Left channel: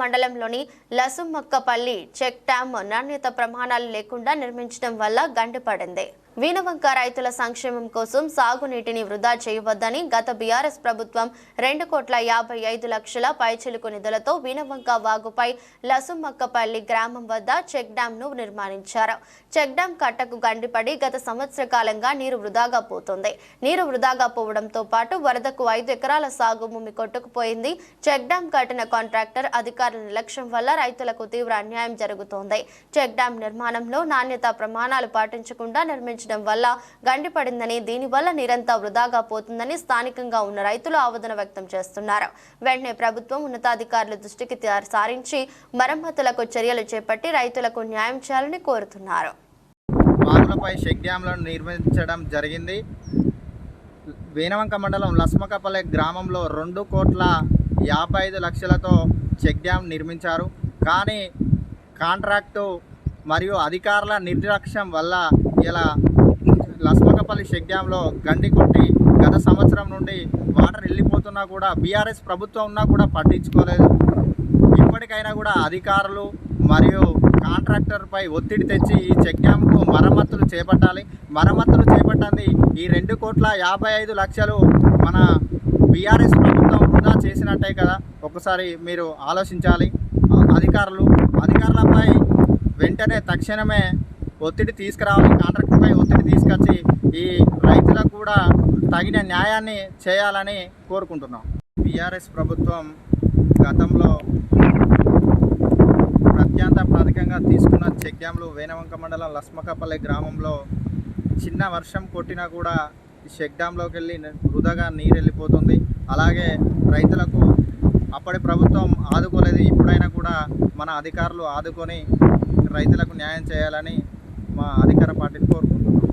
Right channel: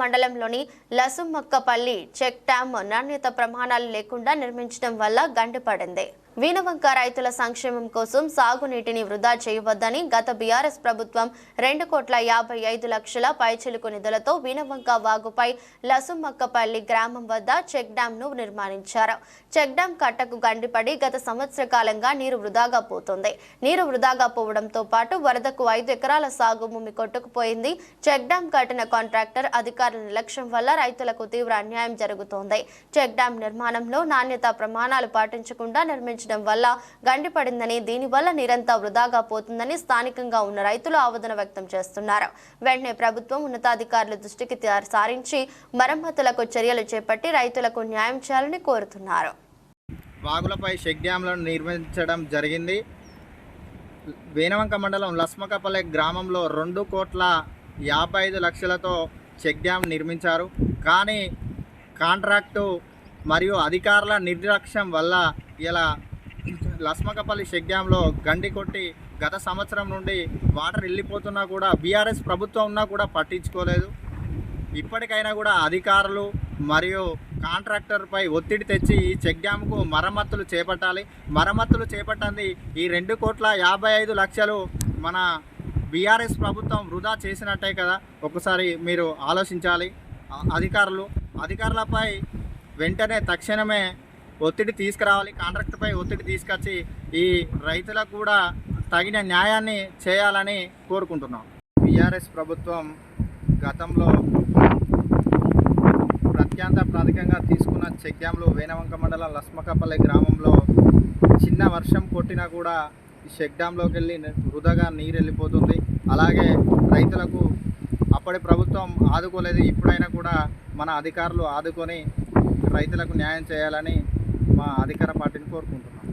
మండలంలోని లసుమక్కపల్లి check dam నాణ్యత ప్రమాణాలు లేకుండా నిర్మించడం వల్ల గండిపడింది. వీనవంక రైతుల సంక్షేమం కోసం సాగునీటిని వృధా చేయవద్దని గత బీఆర్ఎస్ ప్రభుత్వం 2,55,00,000 పైచిలుకు నిధులతో వీనవంక వాగుపై లసుమక్కపల్లి గ్రామం వద్ద చెక్ డ్యాంను నిర్మించారు. చెక్ డ్యాం కట్టకు గండిపడి గత సంవత్సర కాలంగా నీరు వృధాగా పోతుంది. నీరు వృధాగా పోవడంతో పాటు వరదకు 5 ఎకరాల సాగు భూమి కొట్టుకుపోయింది. చెక్ డ్యాం కట్టిన కాంట్రాక్టర్ అధికారుల నిర్లక్ష్యం వల్ల రైతులకు తీవ్ర అన్యాయం జరుగుతోంది. చెక్ డ్యాం నిర్మాణంలో నాణ్యత ప్రమాణాలు పాటించకుండా నిర్మించడం వల్ల గండిపడిందని, దీనివల్ల నీరంతా వృధాగా పోతుందని స్థానికంగా ఉన్న రైతులు ఆవేదన వ్యక్తం చేస్తున్నారు. వెంటనే ప్రభుత్వం ఉన్నతాధికారుల దృష్టికి సారించి మరమ్మతులకు చర్యలు చేపట్టి రైతులకు న్యాయం చేయాలని కోరుతున్నారు. వాగులపై చెక్ డ్యాంలను నిర్మించడం జరిగింది. వీనవంక మండలం లసుమక్కపల్లి గ్రామంలో 2,55,00,000తో చెక్ డ్యాం నిర్మించారు. కానీ కాంట్రాక్టు మరియు అధికారుల నిర్లక్ష్యం వల్ల ఇలా లసుమక్కపల్లి చెక్ డ్యాంలో గండి కొట్టి గత సంవత్సరం నుండి వాటర్ వెళ్ళిపోతున్నా కూడా బీఆర్ఎస్ ప్రభుత్వం ఉన్నా కూడా పట్టించుకోలేదు. ఇప్పటికైనా కూడా అధికారులు మరియు కాంట్రాక్టర్పై ఒత్తిడి తెచ్చి ఈ చెక్ డ్యాంకు మరమ్మతులు చేపట్టాలి. మరమ్మతులు చేపట్టండి ఈ 2,55,00,000 మన బీఆర్ఎస్ ప్రభుత్వం వృధా చేసినట్టే కదా. ఒకసారి మీరు ఆలోచించాలి. అధికారులపై వెంటనే తక్షణమే ఒత్తిడి తీసుకురావాలి. కాంట్రాక్టర్పై ఒత్తిడి తీసుకొచ్చి ఈ రైతులకు కూడా తగిన న్యాయాన్ని చేయాలని కోరుకుంటున్నాం. బీఆర్ఎస్ ప్రభుత్వం గతంలో ప్రత్యేకంగా తీసుకున్న చెక్ డ్యాంలు వీనవంక మండలం లసుమక్కపల్లి గ్రామంలో చిన్న వర్షం కొట్టినా కూడా ఈ చెక్ డ్యాంలోకి వెళ్ళి వృధాగా నీరు వెళ్ళిపోతుంది. అలాగే రైతులకు అప్పటి ప్రభుత్వం ఆదుకోలేదు. ఇప్పుడైనా కూడా మన అధికారులు ఆదుకొని రైతులకు న్యాయం చేయాలని మా అధికార పార్టీని కోరుకుంటున్నాం.